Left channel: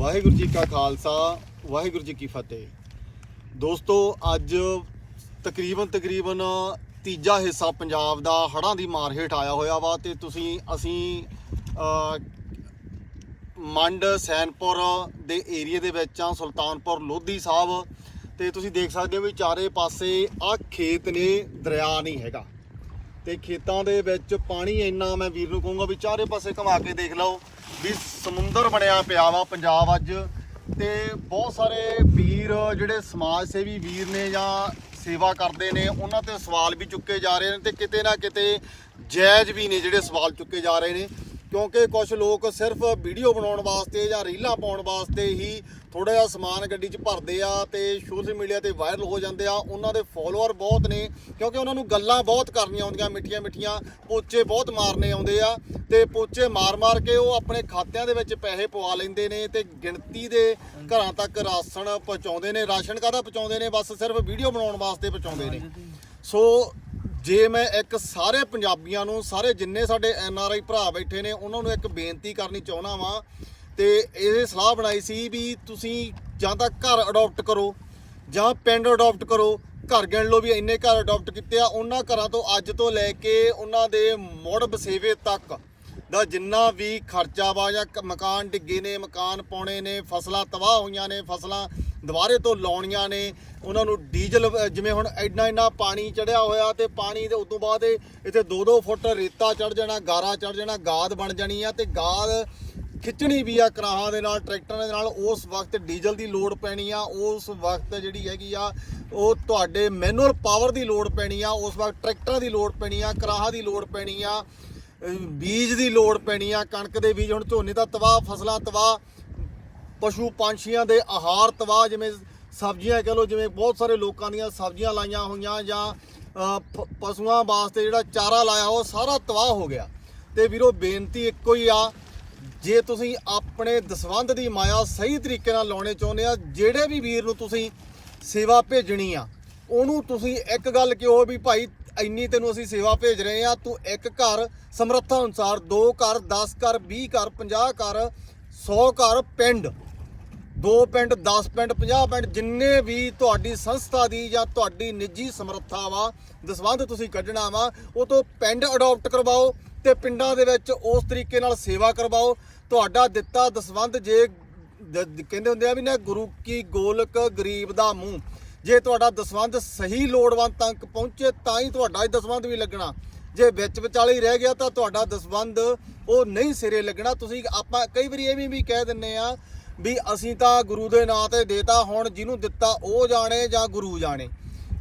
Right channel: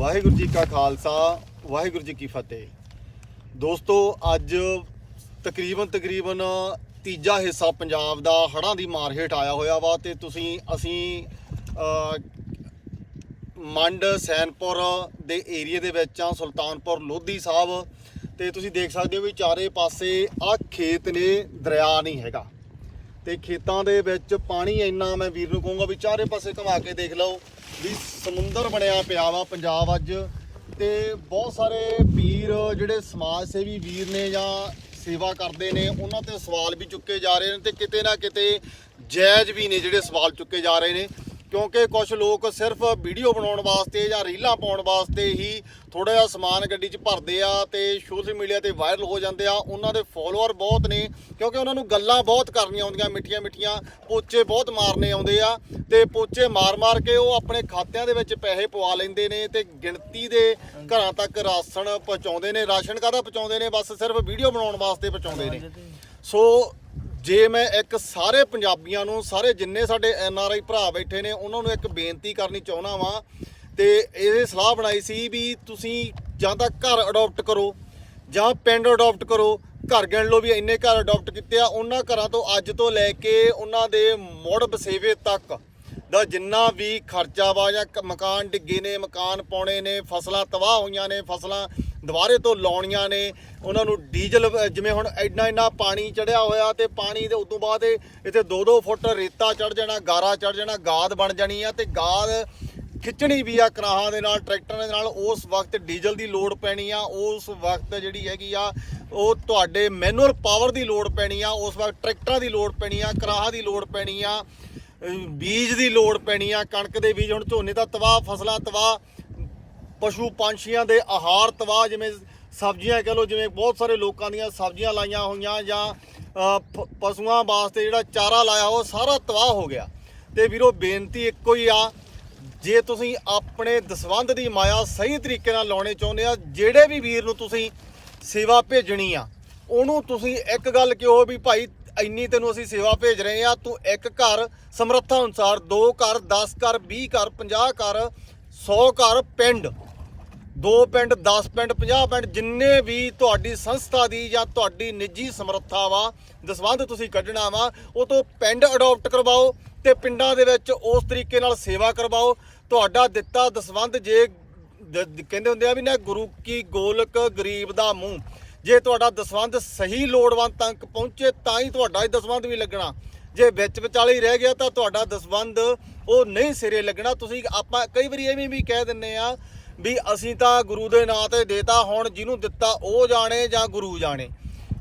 ਵਾਹਿਗੁਰੂ ਜੀ ਕਾ ਖਾਲਸਾ, ਵਾਹਿਗੁਰੂ ਜੀ ਕੀ ਫਤਿਹ। ਦੋਸਤੋ, ਅੱਜ ਤਕਰੀਬਨ ਤਕਰੀਬਨ ਤੀਜਾ ਹਿੱਸਾ ਪੰਜਾਬ ਦਾ ਹੜ੍ਹਾਂ ਦੀ ਮਾਰ ਹੇਠ ਆਇਆ ਹੋਇਆ ਵਾ ਤੇ ਤੁਸੀਂ, ਅਸੀਂ ਮੰਡ, ਸੈਨਪੁਰ ਦੇ ਏਰੀਏ ਦੇ ਵਿੱਚ ਆ, ਸੁਲਤਾਨਪੁਰ ਲੋਧੀ ਸਾਹਿਬ। ਤੇ ਤੁਸੀਂ ਦੇਖ ਸਕਦੇ ਹੋ ਵੀ ਚਾਰੇ ਪਾਸੇ ਆ ਖੇਤ ਨੇ, ਦਰਿਆ ਨਹੀਂ ਹੈਗਾ। ਤੇ ਖੇਤਾਂ ਦੇ ਵਿੱਚ ਪਾਣੀ ਇੰਨਾ ਮੈਂ ਵੀਰ ਨੂੰ ਕਹੂੰਗਾ ਵੀ ਚਾਰੇ ਪਾਸੇ ਘੁਮਾ ਕੇ ਦੇਖ ਲਓ ਵੀ ਸਮੁੰਦਰ ਬਣਿਆ ਪਿਆ ਵਾ ਪੰਜਾਬ ਅੱਜ ਤੇ ਬਹੁਤ ਸਾਰੇ ਵੀਰ, ਜਿਹੜੇ ਸਮਾਜ ਸੇਵੀ ਵੀਰ ਨੇ ਜਾਂ ਸੇਵਾ ਕਰਦੇ ਨੇ, ਉਹਨਾਂ ਤੇ ਸਵਾਲ ਵੀ ਚੁੱਕੇ ਜਾ ਰਹੇ ਨੇ ਤੇ ਕਿਤੇ ਨਾ ਕਿਤੇ ਜਾਇਜ਼ ਵੀ ਨੇ ਜਿਹੜੇ ਸਵਾਲ ਚੁੱਕੇ ਜਾ ਰਹੇ ਨੇ। ਕਿਉਂਕਿ ਕੁਝ ਲੋਕ ਸਿਰਫ ਵੀਡੀਓ ਬਣਾਉਣ ਵਾਸਤੇ ਜਾਂ ਰੀਲਾਂ ਪਾਉਣ ਵਾਸਤੇ ਹੀ ਥੋੜਾ ਜਿਹਾ ਸਮਾਨ ਗੱਡੀ 'ਚ ਭਰਦੇ ਆ ਤੇ ਸੋਸ਼ਲ ਮੀਡੀਆ ਤੇ ਵਾਇਰਲ ਹੋ ਜਾਂਦੇ ਆ ਉਹਨਾਂ ਦੇ ਫੋਲੋਅਰ ਬਹੁਤ ਨੇ ਕਿਉਂਕਿ ਉਹਨਾਂ ਨੂੰ ਗੱਲਾਂ ਬਹੁਤ ਕਰਨੀਆਂ ਆਉਂਦੀਆਂ ਮਿੱਠੀਆਂ ਮਿੱਠੀਆਂ ਪੋਚੇ ਬਹੁਤ ਮਾਰਨੇ ਆਉਂਦੇ ਆ ਤੇ ਪੋਚੇ ਮਾਰ-ਮਾਰ ਕੇ ਉਹ ਆਪਣੇ ਖਾਤਿਆਂ ਦੇ ਵਿੱਚ ਪੈਸੇ ਪਵਾ ਲੈਂਦੇ ਨੇ ਤੇ ਗਿਣਤੀ ਦੇ ਘਰਾਂ ਤੱਕ ਰਾਸ਼ਨ ਪਹੁੰਚਾਉਂਦੇ ਨੇ ਰਾਸ਼ਨ ਕਾਹਦਾ ਪਹੁੰਚਾਉਂਦੇ ਨੇ? ਬਸ ਸਿਰਫ ਵੀਡੀਓ ਬਣਾਉਣ ਵਾਸਤੇ ਪਹੁੰਚਾਉਂਦੇ ਨੇ। ਸੋ ਜੇ ਮੈਂ ਇੱਕ ਸਾਰੇ ਪੰਜਾਬੀਆਂ ਨੂੰ, ਸਾਰੇ ਜਿੰਨੇ ਸਾਡੇ ਐਨ ਆਰ ਆਈ ਭਰਾ ਬੈਠੇ ਨੇ, ਉਹਨਾਂ ਨੂੰ ਇੱਕ ਬੇਨਤੀ ਕਰਨੀ ਚਾਹੁੰਦਾ ਵਾਂ ਤੇ ਇਹ ਸਲਾਹ ਬਣਾਈ ਸੀ ਵੀ ਤੁਸੀਂ ਜਾਂ ਤਾਂ ਘਰ ਅਡਾਪਟ ਕਰੋ ਜਾਂ ਪਿੰਡ ਅਡਾਪਟ ਕਰੋ। ਘਰ ਗਿਣ ਲਓ ਵੀ ਇੰਨੇ ਘਰ ਅਡਾਪਟ ਕੀਤੇ ਆ, ਉਹਨਾਂ ਘਰਾਂ ਤੋਂ ਅੱਜ ਤੋਂ ਲੈ ਕੇ ਉਹਨਾਂ ਦੇ ਮੁੜ ਵਸੇਵੇ ਤੱਕ ਦਾ ਜਿੰਨਾ ਵੀ ਖਰਚਾ ਵਾ ਜਾਂ ਕ- ਮਕਾਨ ਡਿੱਗੇ ਨੇ, ਮਕਾਨ ਪਾਉਣੇ ਨੇ, ਫਸਲਾਂ ਤਬਾਹ ਹੋਈਆਂ ਨੇ, ਫਸਲਾਂ ਦੁਬਾਰੇ ਤੋਂ ਲਾਉਣੀਆਂ ਨੇ। ਉਹਨਾਂ ਨੂੰ ਡੀਜ਼ਲ ਜਿਵੇਂ ਹੁਣ ਇੰਨਾ ਇੰਨਾ ਪਾਣੀ ਚੜਿਆ ਹੋਇਆ ਤੇ ਪਾਣੀ ਦੇ ਉਦੋਂ ਬਾਅਦ ਇੱਥੇ 2-2 ਫੁੱਟ ਰੇਤਾ ਚੜ ਜਾਣਾ, ਗਾਰਾ ਚੜ ਜਾਣਾ, ਗਾਦ ਬਣ ਜਾਣੀ ਆ ਤੇ ਗਾਦ ਖਿੱਚਣੀ ਵੀ ਆ ਕਰਾਹਾਂ ਦੇ ਨਾਲ, ਟਰੈਕਟਰਾਂ ਦੇ ਨਾਲ। ਉਸ ਵਕਤ ਡੀਜ਼ਲ ਦੀ ਲੋਡ ਪੈਣੀ ਆ, ਉਸ ਵਕਤ ਜਿਹੜੀ ਹੈਗੀ ਆ, ਉਹ ਤੁਹਾਡੇ ਮੈਨੂਅਲ ਪਾਵਰ ਦੀ ਲੋਡ ਪੈਣੀ ਆ, ਉਸ ਵਕਤ ਟਰੈਕਟਰਾਂ ਦੀ ਲੋਡ ਪੈਣੀ ਆ, ਕਰਾਹਾਂ ਦੀ ਲੋਡ ਪੈਣੀ ਆ ਬੀਜ ਦੀ ਲੋੜ ਪੈਣੀ ਆ, ਕਣਕ ਦੇ ਬੀਜ, ਹੁਣ ਝੋਨੇ ਦਾ ਤਬਾਹ, ਫਸਲਾਂ ਤਬਾਹ ਪਸ਼ੂ ਪੰਛੀਆਂ ਦੇ ਆਹਾਰ ਤਬਾਹ, ਜਿਵੇਂ ਸਬਜ਼ੀਆਂ ਕਹ ਲਓ, ਜਿਵੇਂ ਬਹੁਤ ਸਾਰੇ ਲੋਕਾਂ ਦੀਆਂ ਸਬਜ਼ੀਆਂ ਲਾਈਆਂ ਹੋਈਆਂ ਜਾਂ ਪਸ਼ੂਆਂ ਵਾਸਤੇ ਜਿਹੜਾ ਚਾਰਾ ਲਾਇਆ, ਉਹ ਸਾਰਾ ਤਬਾਹ ਹੋ ਗਿਆ। ਤੇ ਵੀਰੋ, ਬੇਨਤੀ ਇੱਕੋ ਹੀ ਆ, ਜੇ ਤੁਸੀਂ ਆਪਣੇ ਦਸਵੰਧ ਦੀ ਮਾਇਆ ਸਹੀ ਤਰੀਕੇ ਨਾਲ ਲਾਉਣੇ ਚਾਹੁੰਦੇ ਆ, ਜਿਹੜੇ ਵੀ ਵੀਰ ਨੂੰ ਤੁਸੀਂ ਸੇਵਾ ਭੇਜਣੀ ਆ, ਉਹਨੂੰ ਤੁਸੀਂ ਇੱਕ ਗੱਲ ਕਿਹੋ ਵੀ ਭਾਈ, ਇੰਨੀ ਤੈਨੂੰ ਅਸੀਂ ਸੇਵਾ ਭੇਜ ਰਹੇ ਆ, ਤੂੰ ਇੱਕ ਘਰ ਸਮਰੱਥਾ ਅਨੁਸਾਰ ਦੋ ਘਰ 10 ਘਰ 20 ਘਰ 50 ਘਰ 100 ਘਰ, ਪਿੰਡ ਦੋ ਪਿੰਡ 10 ਪਿੰਡ 50 ਪਿੰਡ, ਜਿੰਨੇ ਵੀ ਤੁਹਾਡੀ ਸੰਸਥਾ ਦੀ ਜਾਂ ਤੁਹਾਡੀ ਨਿੱਜੀ ਸਮਰੱਥਾ ਵਾ, ਦਸਵੰਧ ਤੁਸੀਂ ਕੱਢਣਾ ਵਾ, ਉਹ ਤੋਂ ਪਿੰਡ ਅਡਾਪਟ ਕਰਵਾਓ ਤੇ ਪਿੰਡਾਂ ਦੇ ਵਿੱਚ ਉਸ ਤਰੀਕੇ ਨਾਲ ਸੇਵਾ ਕਰਵਾਓ। ਤੁਹਾਡਾ ਦਿੱਤਾ ਦਸਵੰਧ ਜੇ ਕਹਿੰਦੇ ਹੁੰਦੇ ਆ ਵੀ ਨਾ, ਗੁਰੂ ਕੀ ਗੋਲਕ ਗਰੀਬ ਦਾ ਮੂੰਹ। ਜੇ ਤੁਹਾਡਾ ਦਸਵੰਧ ਸਹੀ ਲੋੜਵੰਦ ਤੱਕ ਪਹੁੰਚੇ, ਤਾਂ ਹੀ ਤੁਹਾਡਾ ਹੀ ਦਸਵੰਧ ਵੀ ਲੱਗਣਾ। ਜੇ ਵਿੱਚ ਵਿਚਾਲੇ ਹੀ ਰਹਿ ਗਿਆ ਤਾਂ ਤੁਹਾਡਾ ਦਸਵੰਧ ਉਹ ਨਹੀਂ ਸਿਰੇ ਲੱਗਣਾ। ਤੁਸੀਂ ਆਪਾਂ ਕਈ ਵਾਰੀ ਇਹ ਵੀ ਵੀ ਕਹਿ ਦਿੰਨੇ ਆ ਵੀ ਅਸੀਂ ਤਾਂ ਗੁਰੂ ਦੇ ਨਾਂ ਤੇ ਦੇਤਾ, ਹੁਣ ਜਿਹਨੂੰ ਦਿੱਤਾ ਉਹ ਜਾਣੇ ਜਾਂ ਗੁਰੂ ਜਾਣੇ।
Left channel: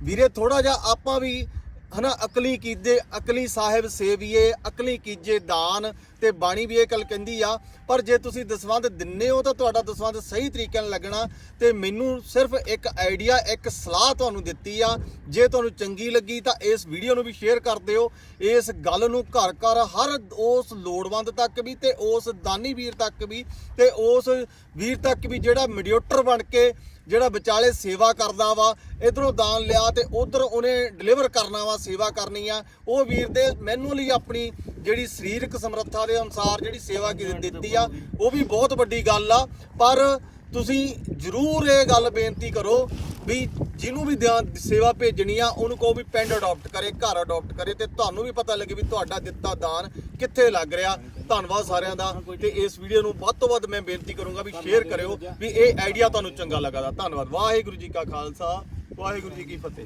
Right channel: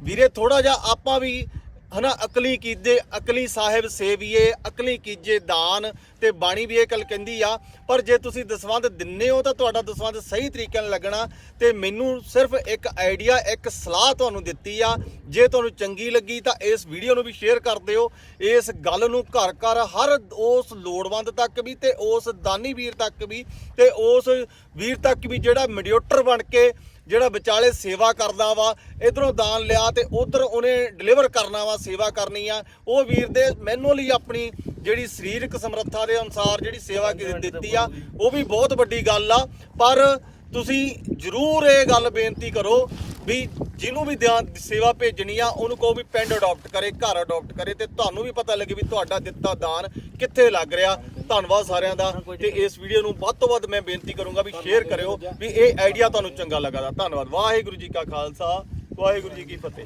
ਵੀਰੇ ਥੋੜਾ ਜਿਹਾ ਆਪਾਂ ਵੀ ਹਨਾ, ਅਕਲੀ ਕੀਜੇ, ਅਕਲੀ ਸਾਹਿਬ ਸੇਵੀਏ, ਅਕਲੀ ਕੀਜੇ ਦਾਨ ਤੇ ਬਾਣੀ ਵੀ ਇਹ ਗੱਲ ਕਹਿੰਦੀ ਆ, ਪਰ ਜੇ ਤੁਸੀਂ ਦਸਵੰਧ ਦਿੰਨੇ ਹੋ ਤਾਂ ਤੁਹਾਡਾ ਦਸਵੰਧ ਸਹੀ ਤਰੀਕੇ ਨਾਲ ਲੱਗਣਾ ਤੇ ਮੈਨੂੰ ਸਿਰਫ ਇੱਕ ਆਈਡੀਆ, ਇੱਕ ਸਲਾਹ ਤੁਹਾਨੂੰ ਦਿੱਤੀ ਆ, ਜੇ ਤੁਹਾਨੂੰ ਚੰਗੀ ਲੱਗੀ ਤਾਂ ਇਸ ਵੀਡੀਓ ਨੂੰ ਵੀ ਸ਼ੇਅਰ ਕਰ ਦਿਓ, ਇਸ ਗੱਲ ਨੂੰ ਘਰ ਘਰ ਹਰ ਉਸ ਲੋੜਵੰਦ ਤੱਕ ਵੀ ਤੇ ਉਸ ਦਾਨੀ ਵੀਰ ਤੱਕ ਵੀ ਤੇ ਉਸ ਵੀਰ ਤੱਕ ਵੀ ਜਿਹੜਾ ਮੀਡੀਏਟਰ ਬਣ ਕੇ ਜਿਹੜਾ ਵਿਚਾਲੇ ਸੇਵਾ ਕਰਦਾ ਵਾ ਇਧਰੋਂ ਦਾਨ ਲਿਆ ਤੇ ਉਧਰ ਉਹਨੇ ਡਿਲੀਵਰ ਕਰਨਾ ਵਾ ਸੇਵਾ ਕਰਨੀ ਆ। ਉਹ ਵੀਰ ਦੇ ਮੈਨੂਅਲੀ ਆਪਣੀ ਜਿਹੜੀ ਸਰੀਰਕ ਸਮਰੱਥਾ ਦੇ ਅਨੁਸਾਰ ਜਿਹੜੀ ਸੇਵਾ ਕੀ ਦਿੱਤੀ ਆ ਉਹ ਵੀ ਬਹੁਤ ਵੱਡੀ ਗੱਲ ਆ। ਪਰ ਤੁਸੀਂ ਜ਼ਰੂਰ ਇਹ ਗੱਲ ਬੇਨਤੀ ਕਰੋ ਵੀ ਜਿਹਨੂੰ ਵੀ ਧਿਆਨ ਸੇਵਾ ਭੇਜਣੀ ਆ, ਉਹਨੂੰ ਕਹੋ ਵੀ ਪਿੰਡ ਅਡਾਪਟ ਕਰੇ, ਘਰ ਅਡਾਪਟ ਕਰੇ ਤੇ ਤੁਹਾਨੂੰ ਵੀ ਪਤਾ ਲੱਗੇ ਵੀ ਤੁਹਾਡਾ ਦਿੱਤਾ ਦਾਨ ਕਿੱਥੇ ਲੱਗ ਰਿਹਾ। ਧੰਨਵਾਦ ਸਾਰਿਆਂ ਦਾ ਤੇ ਇਸ ਵੀਡੀਓ ਨੂੰ ਵੱਧ ਤੋਂ ਵੱਧ ਮੈਂ ਬੇਨਤੀ ਕਰੂੰਗਾ ਵੀ ਸ਼ੇਅਰ ਕਰਿਓ ਵੀ ਇਹ ਆਈਡੀਆ ਤੁਹਾਨੂੰ ਚੰਗਾ ਲੱਗਾ ਦਾ ਧੰਨਵਾਦ। ਵਾਹਿਗੁਰੂ ਜੀ ਕਾ ਖਾਲਸਾ, ਵਾਹਿਗੁਰੂ ਜੀ ਕੀ ਫਤਿਹ।